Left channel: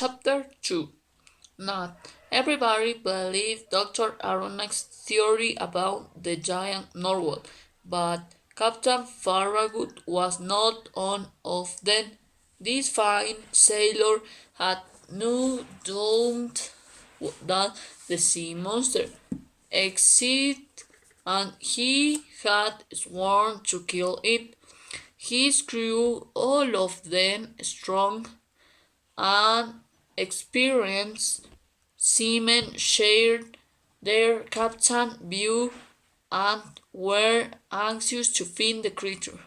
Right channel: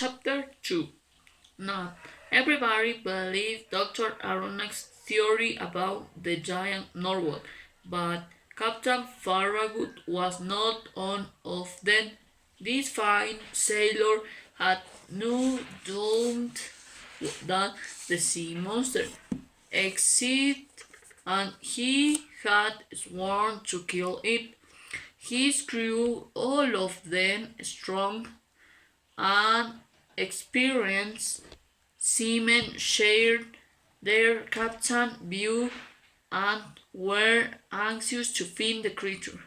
Chapter 2. Not everybody believed Dr. Aronnax's theory about the giant narwhal, but Captain Farragut was not one of them. This fine sailor had no doubt that the sea monster existed, and he had sworn to kill it. His crew, all of them strong and experienced seamen, shared their captain's view and were anxious to find the creature.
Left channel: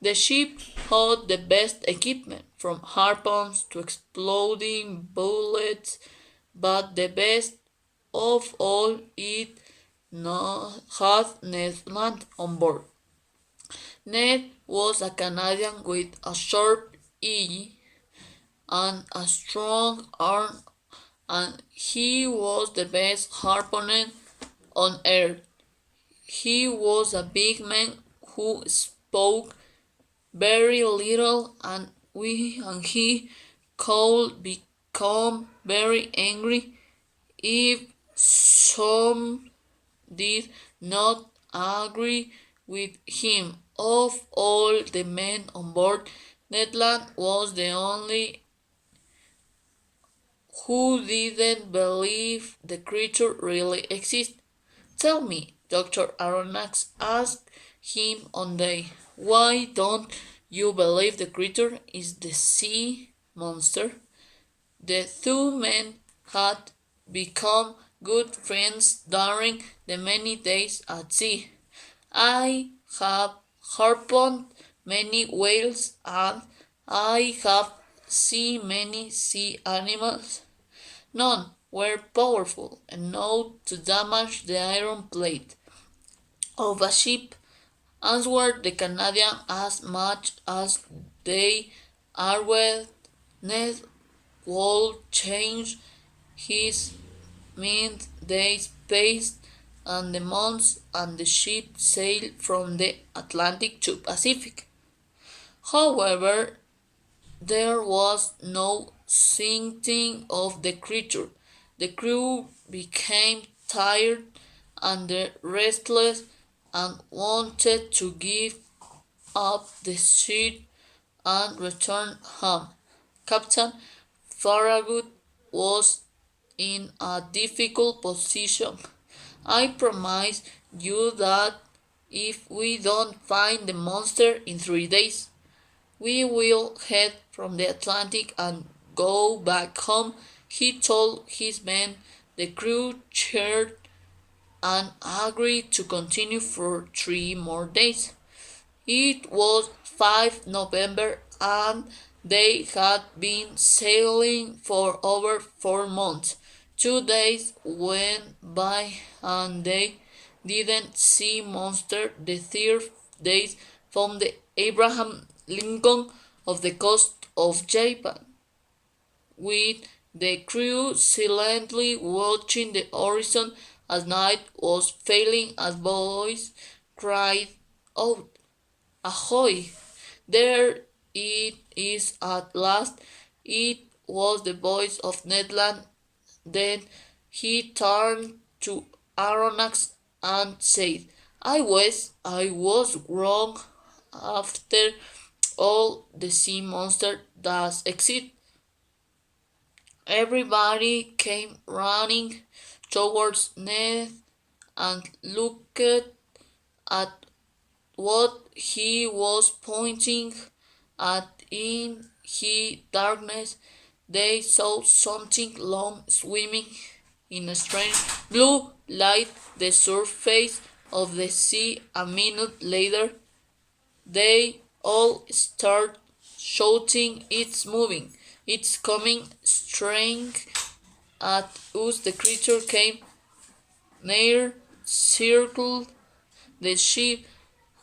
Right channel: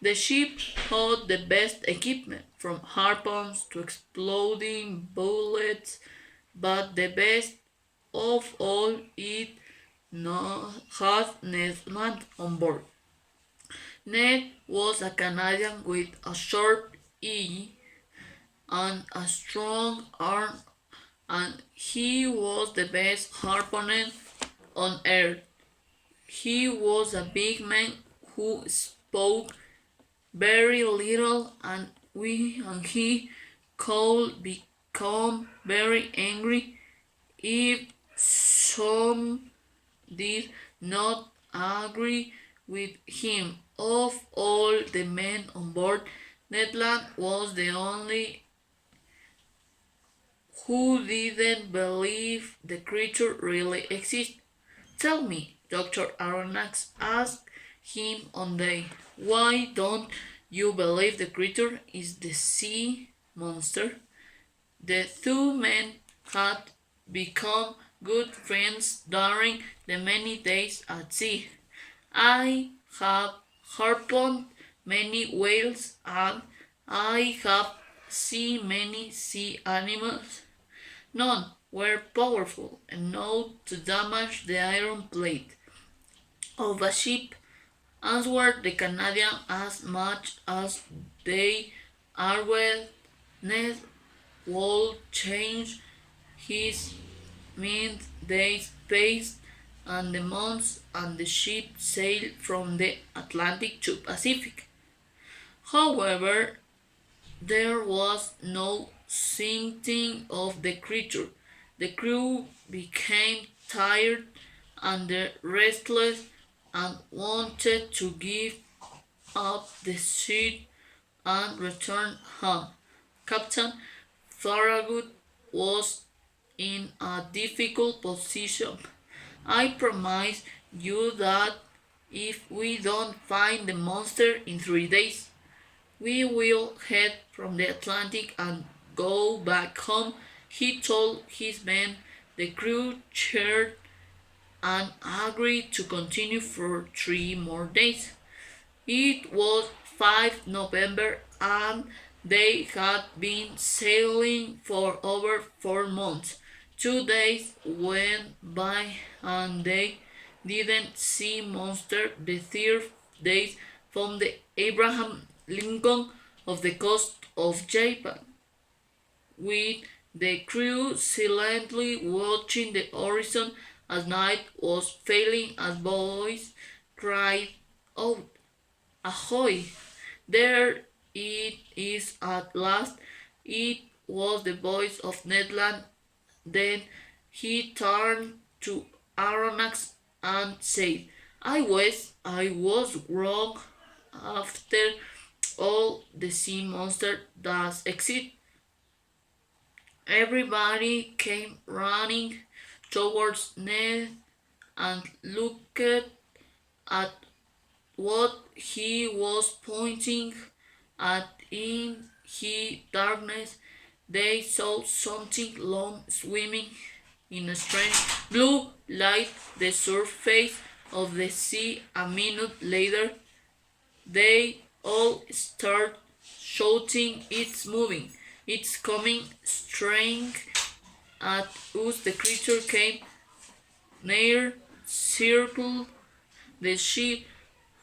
The ship had the best equipment, from harpoons to exploding bullets, but the best of all, it had Ned Land on board. Ned was a Canadian with a sharp eye and a strong arm, and he was the best harpooner on earth. He was a big man who spoke very little, and he could become very angry if some did not agree with him. Of all the men on board, Ned Land was the only who didn't believe the creature really existed. Tell me, Dr. Aronnax asked him one day, why don't you believe the creature is the sea monster? The two men had become good friends during the many days at sea. I have harpooned many whales and I have seen many sea animals. None were powerful enough to damage the iron plate of a ship, answered the Canadian, as much as they argued. Ned would change his mind. Days passed, and the months, and the ship sailed from the Atlantic to Pacific. However, there was no sighting of the creature. The crew became tired and restless and wanted to give up the search and return home. Captain Farragut was in a difficult position. I promise you that if we don't find the monster in 3 days, we will head from the Atlantic and go back home, he told his men. The crew cheered and agreed to continue for 3 more days. It was 5 November and they had been sailing for over 4 months. 2 days went by and they didn't see monster. The third day found the Abraham Lincoln of the coast of Japan, with the crew silently watching the horizon as night was falling. As boys cried out, "Ahoy! There it is at last!" It was the voice of Ned Land. Then he turned to Aronnax and said, I was wrong. After all, the sea monster does exist." Everybody came running towards Ned and looked at what he was pointing at. In the darkness, they saw something long swimming in a strange blue light the surface of the sea. A minute later, they all start shouting, "It's moving! It's coming straight at us!" The creature came near, circled the ship,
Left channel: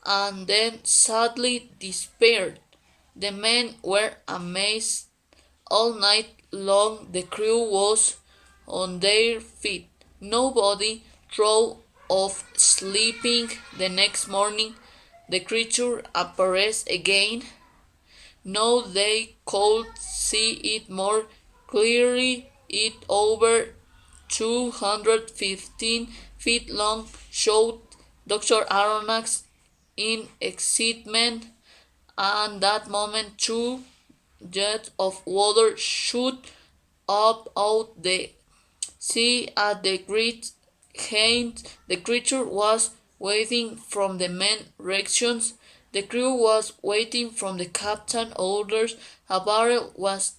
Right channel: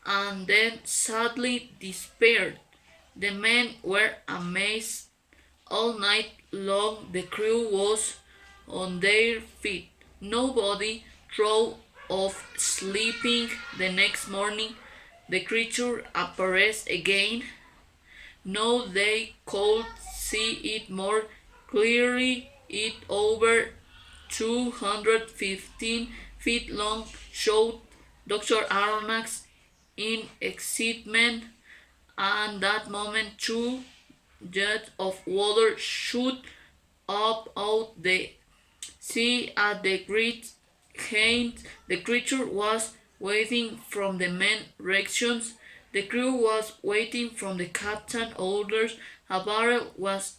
and then sadly disappeared. The men were amazed. All night long the crew was on their feet. Nobody thought of sleeping. The next morning the creature appeared again. Now they could see it more clearly it over 215 feet long, showed Dr. Aronnax in excitement, and that moment two jets of water shoot up out the sea at the great height. The creature was waiting from the main directions. The crew was waiting from the captain orders. A barrel was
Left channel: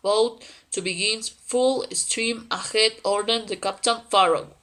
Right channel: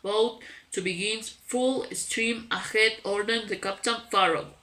about to begin full steam ahead, ordered the captain Farragut.